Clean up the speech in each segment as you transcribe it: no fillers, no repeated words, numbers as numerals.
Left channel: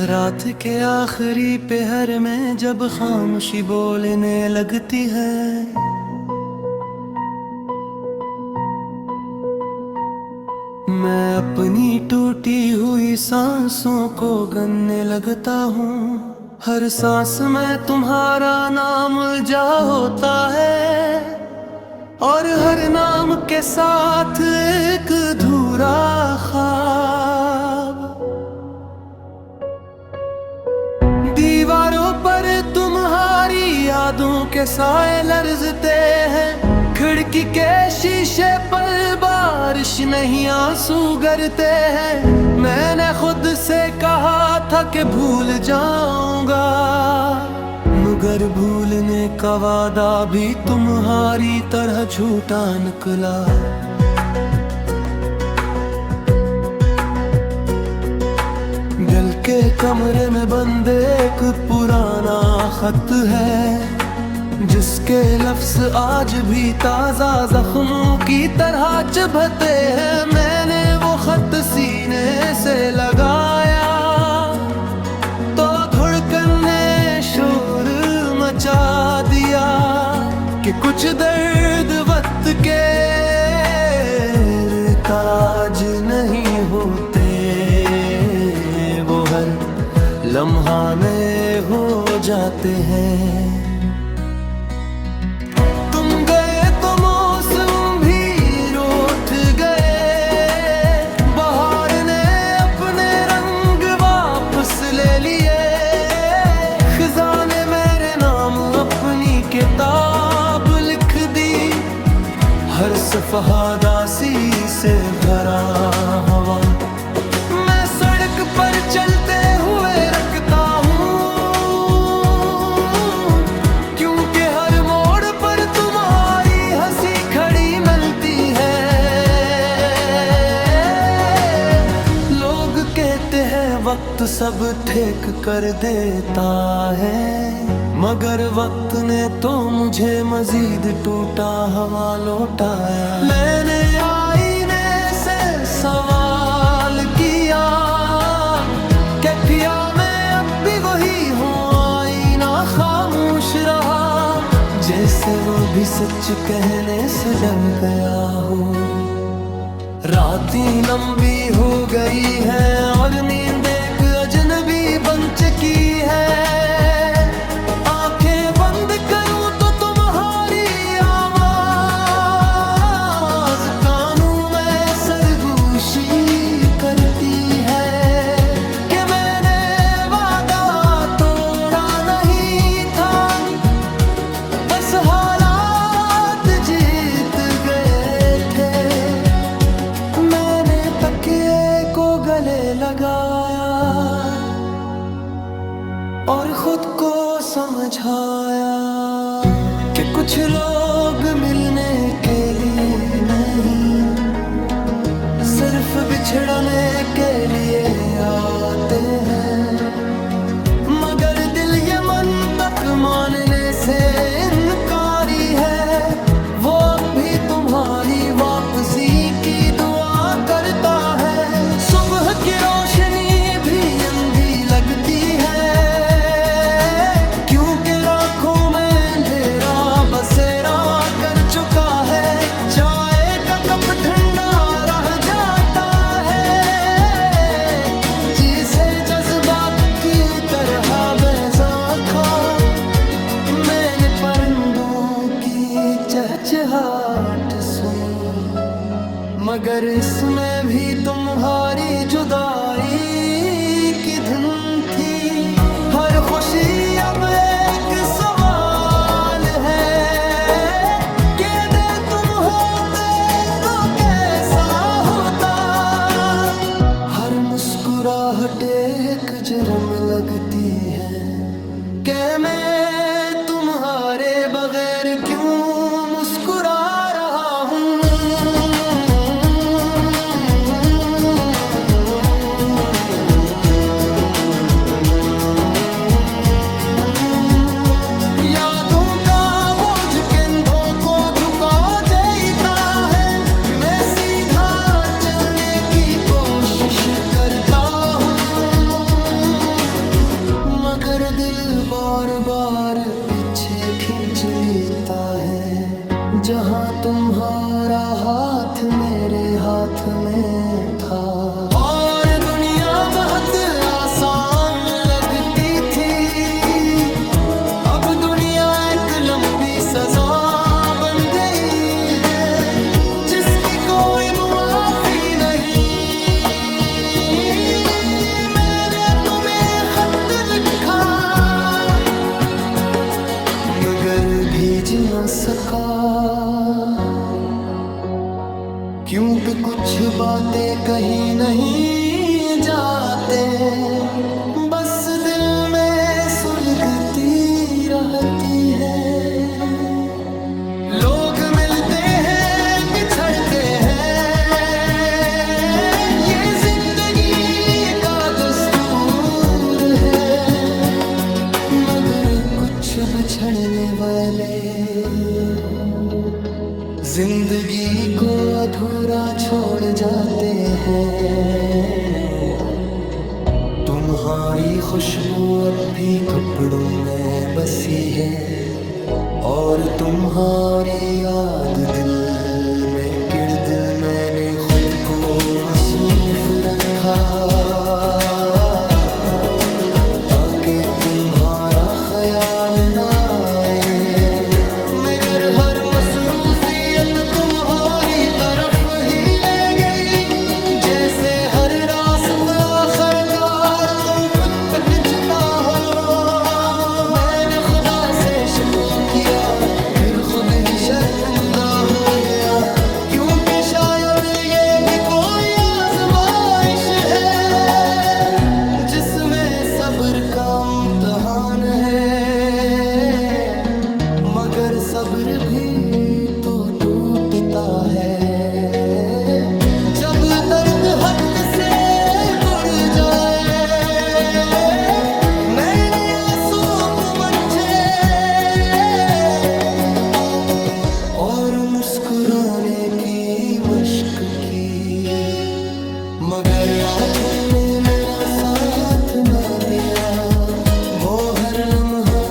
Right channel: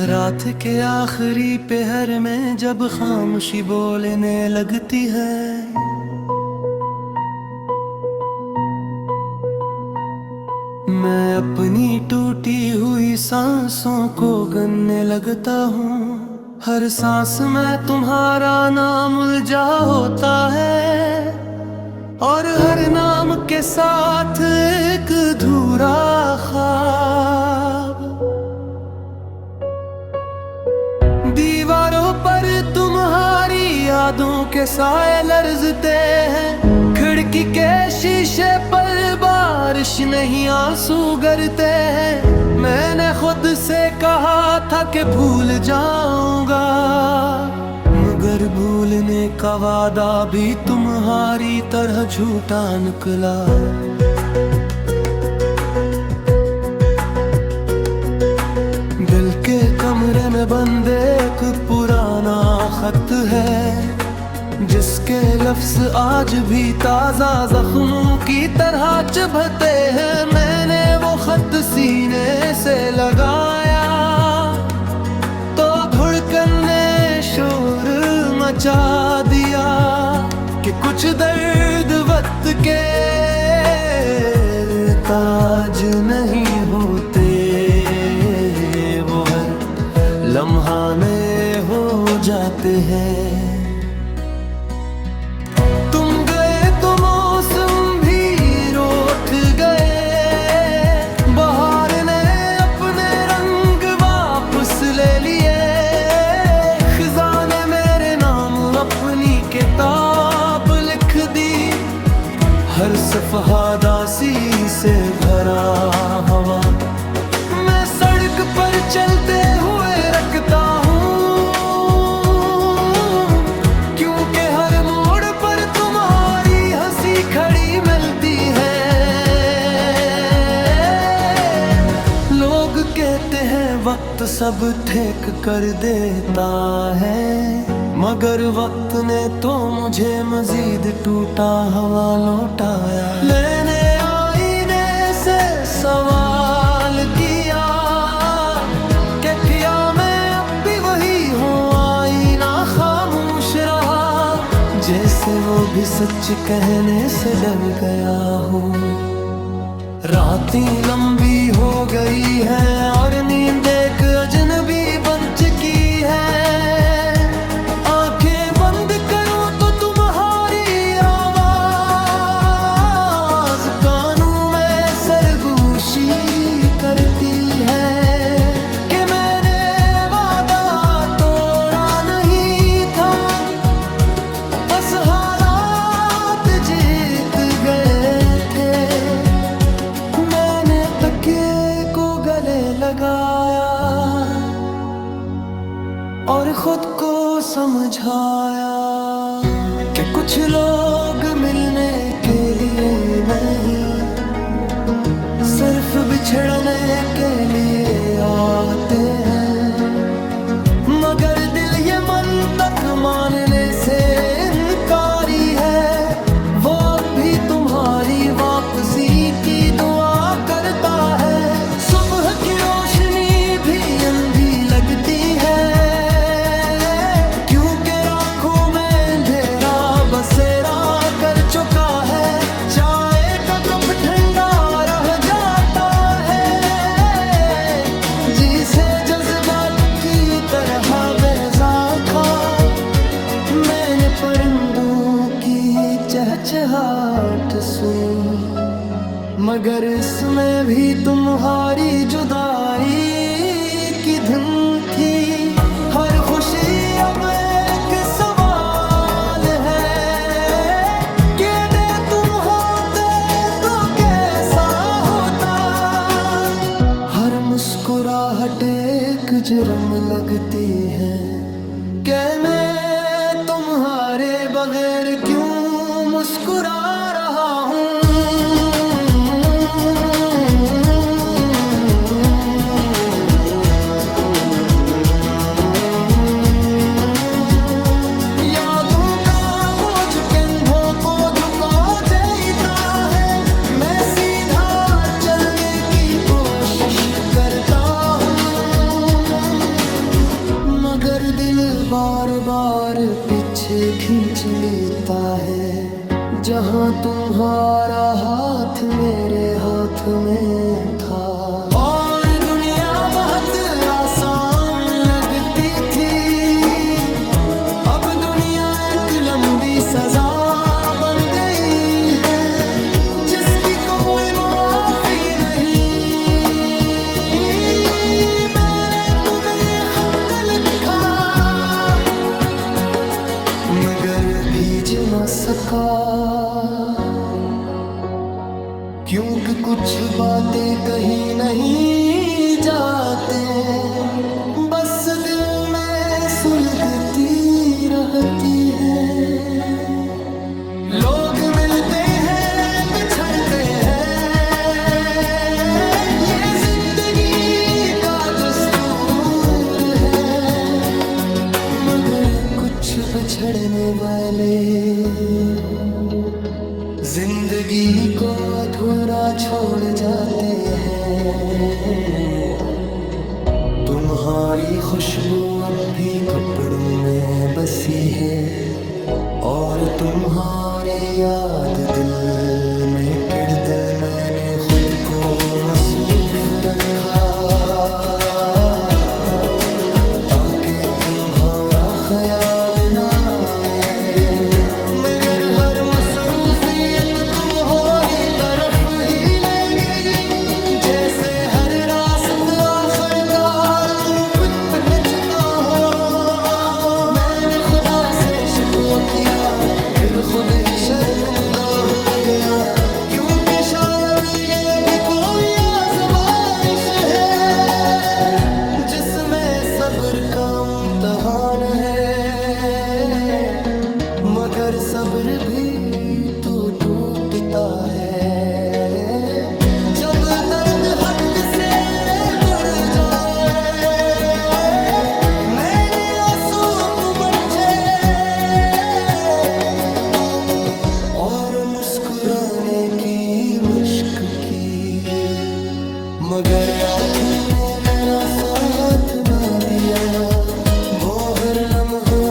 रात के आखिरी पहर में जब खामोशी बोलने लगती है, मैं अपनी टूटी हुई सांसों को गिनने लगता हूँ। हर सांस में तुम्हारा नाम उलझा होता है, और हर नाम के साथ एक अधूरा ख्वाब। दीवारों पर तुम्हारी यादों के साए लरजते हैं, खिड़की के शीशे पर बारिश नहीं आंसू गिरते हैं। मैंने खुद से कहा था कि भूल जाऊंगा, मगर भूलने का वादा भी तुम्हारी तरह झूठा निकला। दिल के कमरे में बंद एक पुराना खत है, जिसके लफ्ज आज भी ताजा जख्मों की तरह चुभते हैं। मैंने वो खत सीने से लगाया तो धड़कन ने शोर मचा दिया कि कुछ दर्द वक्त के ताज नहीं होते, वो हर लम्हा में हो जाते हैं। तुम गए तो मौसम भी रूठ गए, बहार ने अपने रंग वापस ले लिए। खिज़ा ने मेरे नाम अपनी किताब लिख दी, हर सफ़हा दासी से भरा हवा मैं सड़क पर चलते हुए रखता हूँ, क्योंकि हर मोड़ पर तुम्हारी हंसी खड़ी मिलती है। लोग कहते हैं वक्त सब ठीक कर देता है, मगर वक्त ने तो मुझे मजीद टूटा हुआ लौटाया। मैंने आईने से सवाल किया, क्या मैं अब भी वही हूँ? आईना खामोश रहा, जैसे वो भी सच कहने से डर गया हो। रातें लंबी हो गई है और नींद एक अजनबी बन चुकी है। आंखें बंद करूं तो तुम्हारी आवाज कानों में सरगोशी करती है कि मैंने वादा तोड़ा नहीं था, बस हालात जीत गए थे। मैंने तकिए को गले लगाया और खुद को समझाया कि कुछ लोग मिलने के लिए नहीं, सिर्फ बिछड़ने के लिए आते हैं। मगर दिल ये मन तक मानने से इनकारी है, वो अब भी तुम्हारी वापसी की दुआ करता है। सुबह की रोशनी भी अंधी लगती है, क्योंकि राखों में अंधेरा बसेरा कर चुका है। चाय का कप ठंडा रह जाता है, जिसे जज्बात की तरह बेज़ाखा। मैंने परिंदों की चहचहाट सुनी, मगर इसमें भी तुम्हारी जुदाई की धुन थी। हर खुशी अब एक सवाल है कि दे तुम होते तो कैसा होता। हर मुस्कुराहट एक जुर्म लगती है कि मैं तुम्हारे बगैर क्यों मुस्कुरा रहा हूँ। यादों का बोझ कंधों को झुका देता है, मैं सीधा चलने की कोशिश करता हूँ। मगर दिल बार बार पीछे खींच लेता है। जहाँ तुम्हारा हाथ मेरे हाथ में था और दुनिया बहुत आसान लगती थी, अब दुनिया एक लंबी सजा बन गई है जिसकी कोई मुआफी नहीं। मैंने तुम्हें खत लिखा मगर भेज न सका, क्योंकि कुछ बातें कहीं नहीं जाते, बस दिल में सुलगती रहती है। लोग मिलते हैं बिछड़ते हैं, ये जिंदगी का दस्तूर है, मगर कुछ बिछड़ने वाले जिंदगी को अधूरा छोड़ जाते हैं। तुम्हारी खुशबू अब भी कपड़ों में बसी है और तुम्हारी याद दिल में किर दिल मैंने खुद को मसरूफ रखा, ताकि तुम्हारा ख्याल ना आए, मगर हर मसरूफियत तुम्हारी तरफ ही ले गई, जैसे हर रास्ता आखिरकार तुम पे पहुंचता हो। मैंने खुदा से शिकवा किया फिर खुद ही शर्मिंदा हो गया, क्योंकि शायद ये भी कोई आजमाइश है जिसमें सब्र का इम्तिहान है, मगर सब्र भी तो टूटता है जब दर्द हद से बढ़ जाए। मैंने आंसू पूछे और मुस्कुराने की मशक की, मगर आंखों ने मेरा साथ ना दिया। वो हर लम्हा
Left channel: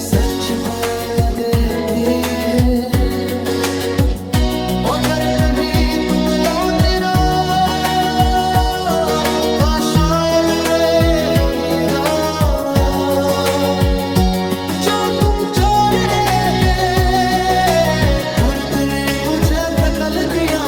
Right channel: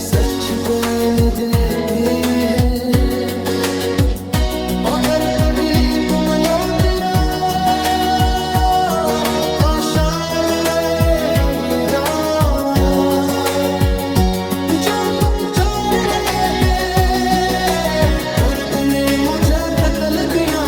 सच बोल देती है, अगर कभी तुम लौट रहा शायद मैं खरीदारा, जो तुम छोड़ने गए तुरंत ने मुझे थकल दिया।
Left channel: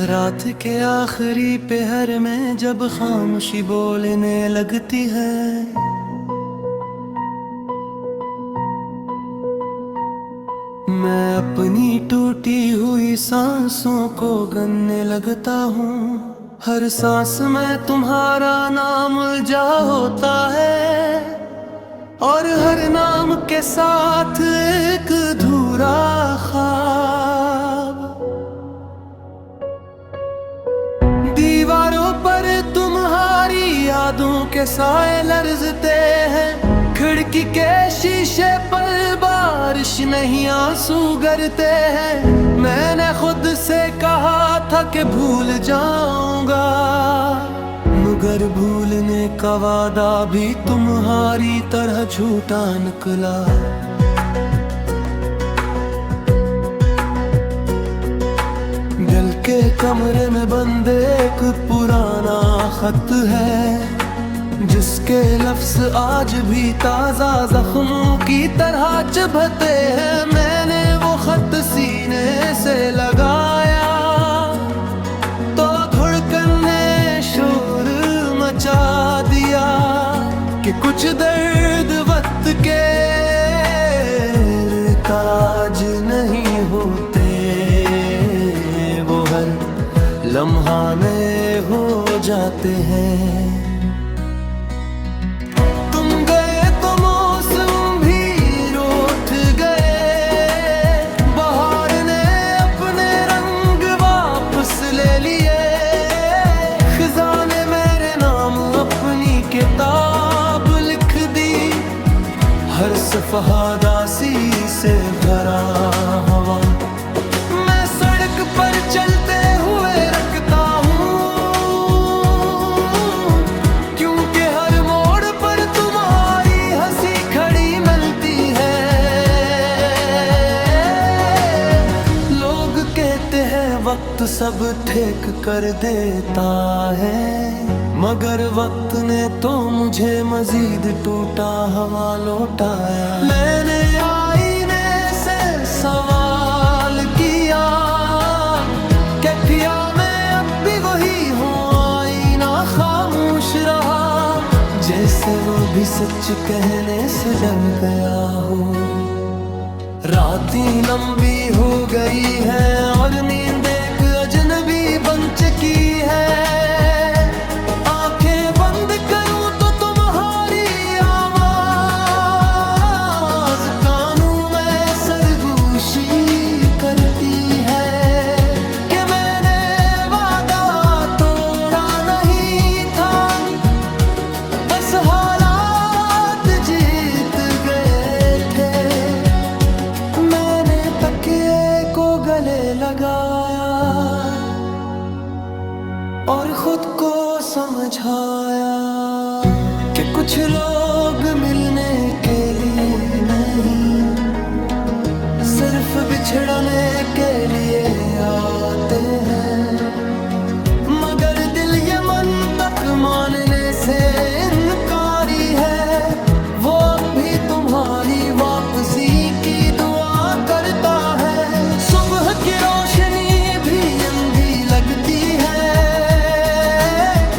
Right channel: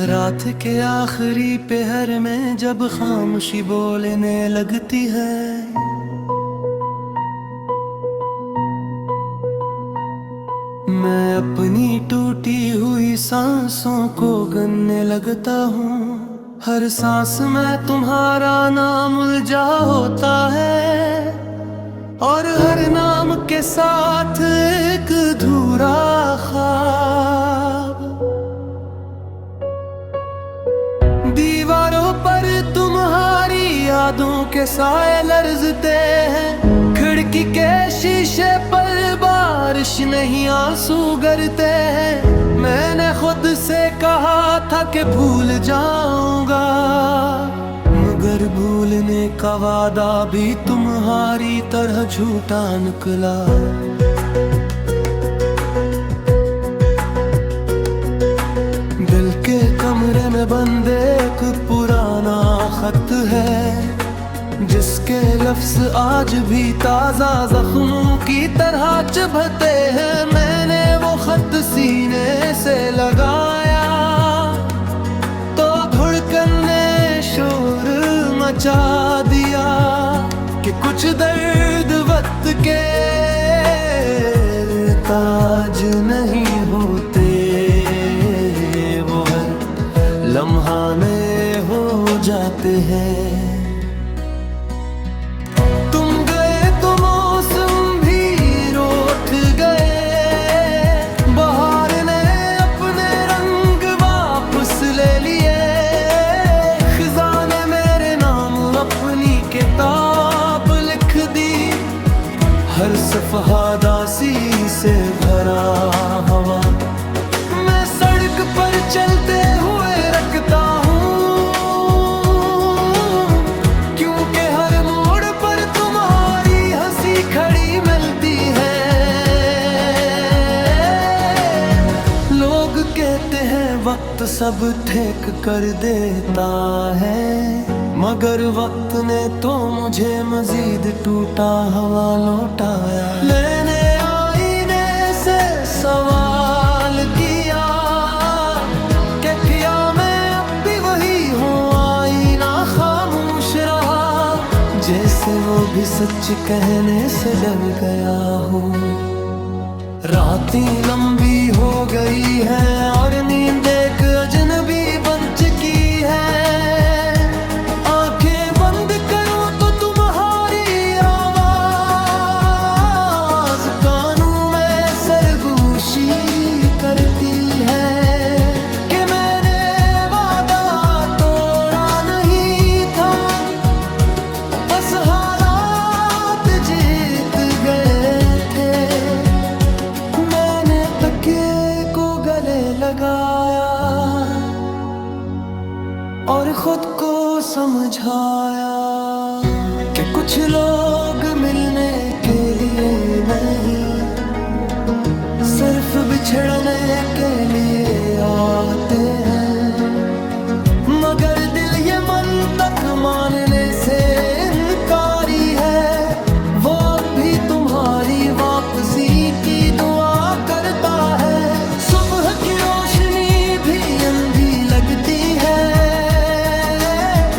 रात के आखिरी पहर में जब खामोशी बोलने लगती है, मैं अपनी टूटी हुई सांसों को गिनने लगता हूँ। हर सांस में तुम्हारा नाम उलझा होता है और हर नाम के साथ एक अधूरा ख्वाब। दीवारों पर तुम्हारी यादों के साए लरजते हैं, खिड़की के शीशे पर बारिश नहीं आंसू गिरते हैं। मैंने खुद से कहा था कि भूल जाऊंगा, मगर भूलने का वादा भी तुम्हारी तरह झूठा निकला। दिल के कमरे में बंद एक पुराना खत है, जिसके लफ्ज आज भी ताजा जख्मों की तरह चुभते हैं। मैंने वो खत सीने से लगाया तो धड़कन ने शोर मचा दिया कि कुछ दर्द वक्त के ताज नहीं होते, वो हर लम्हा में हो जाते हैं। किताब लिख दी, हर सफ़हा दासी से भरा हवा। मैं सड़क पर चलते हुए रखता हूँ वक्त सब ठीक कर देता है, मगर वक्त ने तो मुझे मजीद टूटा हुआ लौटाया। मैंने आईने से सवाल किया कि क्या मैं अब भी वही हूँ, आईना खामोश रहा, जैसे वो भी सच कहने से डर गया हो। रातें लंबी हो गई है और नींद एक अजनबी बन चुकी है, आंखें बंद करूं तो तुम्हारी आवाज कानों में सरगोशी करती है कि मैंने वादा तोड़ा नहीं था, बस हालात जीत गए थे। मैंने तकिए को गले लगाया और खुद को समझाया कि कुछ लोग मिलने के लिए नहीं, सिर्फ बिछड़ने के लिए आते हैं, मगर दिल ये मंतक मानने से इनकारी है, वो अब भी तुम्हारी वापसी की दुआ करता है। सुबह की रोशनी भी अंधी लगती है,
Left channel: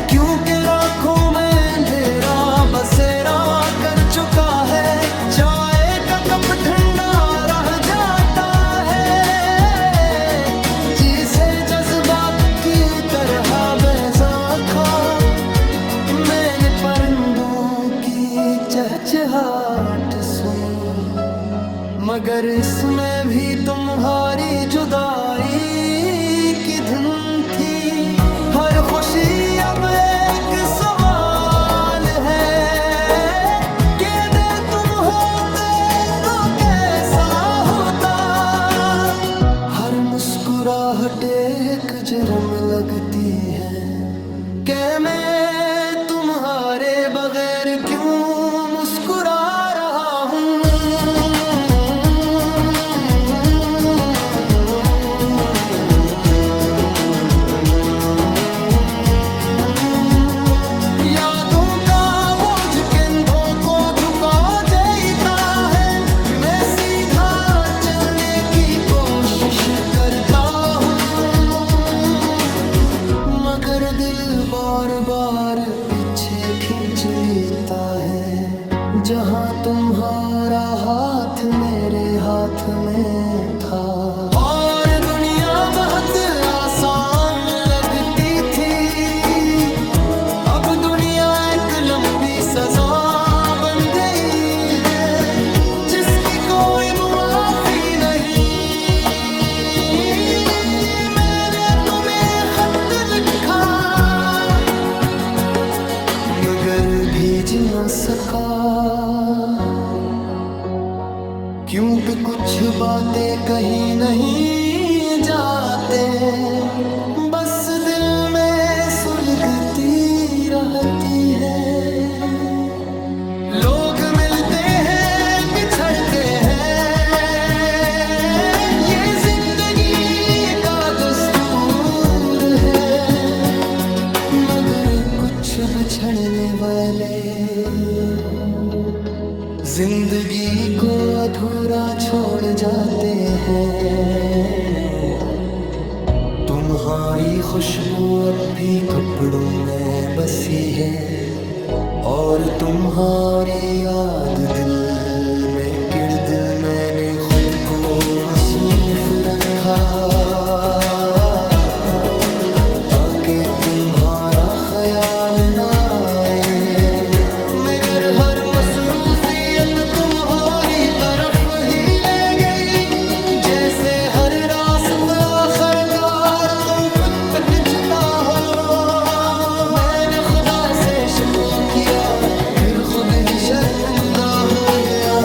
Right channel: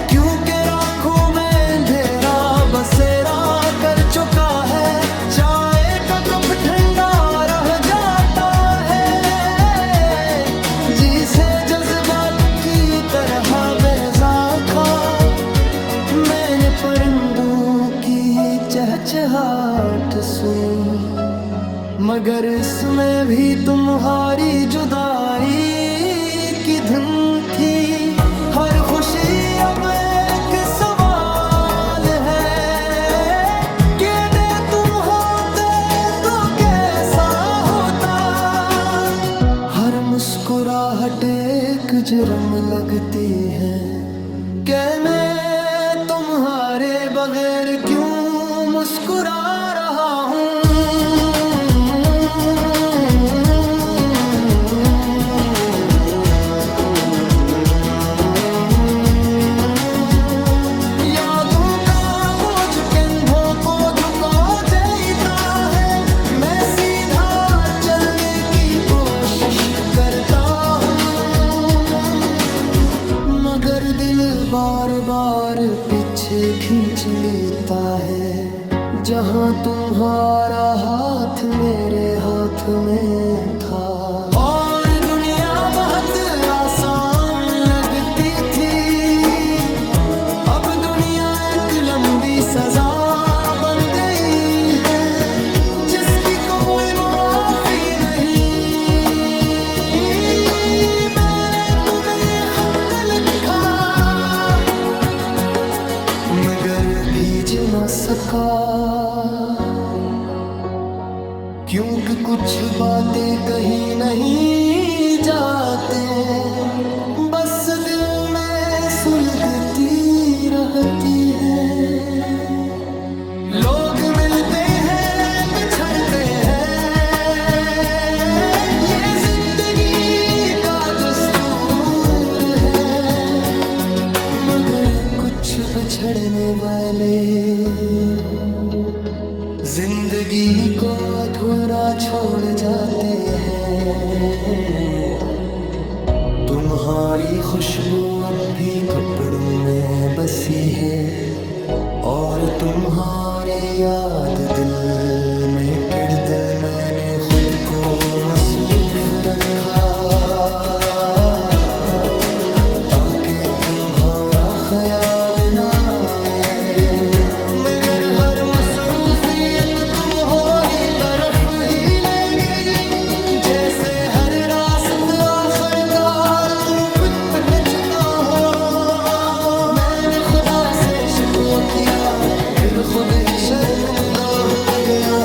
क्योंकि राखों में अंधेरा बसेरा कर चुका है, चाय का कप ठंडा रह जाता है, जिसे जज्बात की तरह बेजा खा। मैंने परिंदों की चहचहाट सुनी, मगर इसमें भी तुम्हारी जुदाई की धुन थी। हर खुशी अब एक सवाल है कि दे तुम होते तो कैसा होता। हर मुस्कुराहट एक जुर्म लगती है कि मैं तुम्हारे बगैर क्यों मुस्कुरा रहा हूँ। यादों का बोझ कंधों को झुका देता है, मैं सीधा चलने की कोशिश करता हूँ, मगर दिल बार बार पीछे खींच लेता है। जहाँ तुम्हारा हाथ मेरे हाथ में था और दुनिया बहुत आसान लगती थी, अब दुनिया एक लंबी सजा बन गई है, जिसकी कोई मुआफी नहीं। मगर भीज न सका, क्योंकि कुछ बातें कहीं नहीं जाते, बस दिल में सुलगती रहती है। लोग मिलते हैं बिछड़ते हैं, ये जिंदगी का दस्तूर है, मगर कुछ बिछड़ने वाले जिंदगी को अधूरा छोड़ जाते हैं। तुम्हारी खुशबू अब भी कपड़ों में बसी है, और तुम्हारी याद दिल में दिल मैंने खुद को मसरूफ रखा, ताकि तुम्हारा ख्याल ना आए, मगर हर मसरूफियत तुम्हारी तरफ ही ले गई, जैसे हर रास्ता आखिरकार तुम पे पहुंचता हो। मैंने खुदा से शिकवा किया, फिर खुद ही शर्मिंदा हो गया,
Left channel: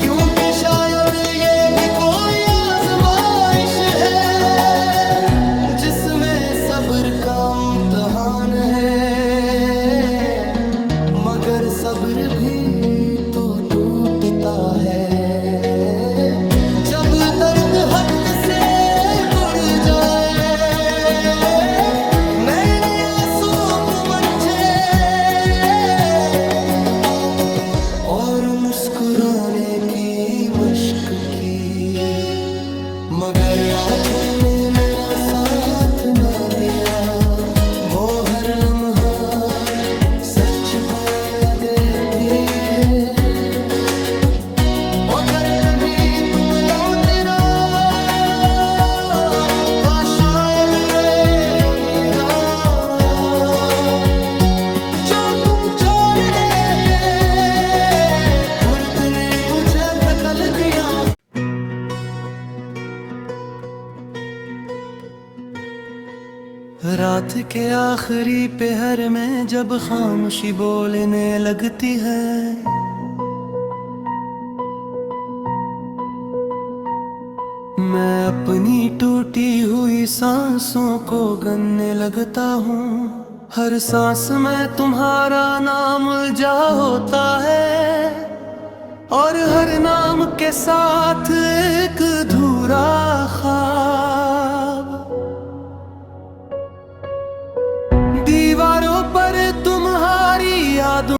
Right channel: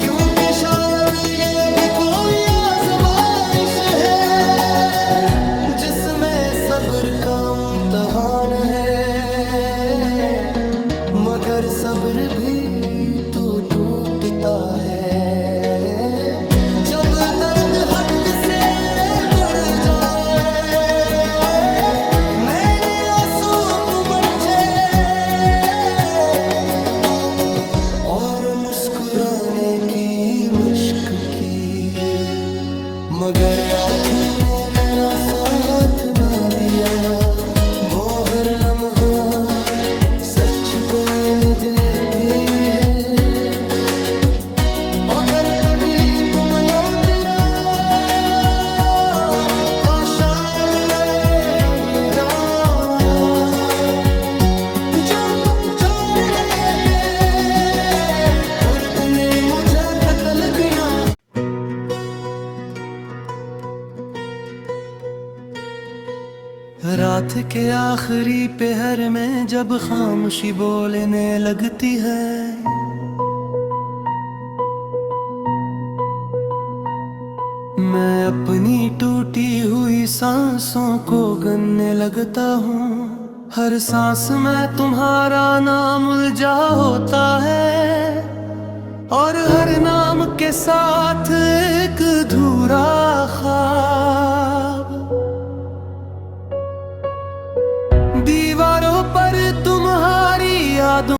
क्योंकि शायद ये भी कोई आजमाइश है, जिसमें सब्र का इम्तिहान है, मगर सब्र भी तो टूटता है जब दर्द हद से बढ़ जाए। मुस्कुराने की मश्क की, मगर आंखों ने मेरा साथ ना दिया। वो हर लम्हा सच बोल देती है, अगर कभी तुम लौटना शायद मैं खरीदारा, जो तुम छोड़ने गए फुर्त ने मुझे थकल दिया। रात के आखिरी पहर में जब खामोशी बोलने लगती है, मैं अपनी टूटी हुई सांसों को गिनने लगता हूँ। हर सांस में तुम्हारा नाम उलझा होता है, और हर नाम के साथ एक अधूरा ख्वाब। दीवारों पर तुम्हारी यादों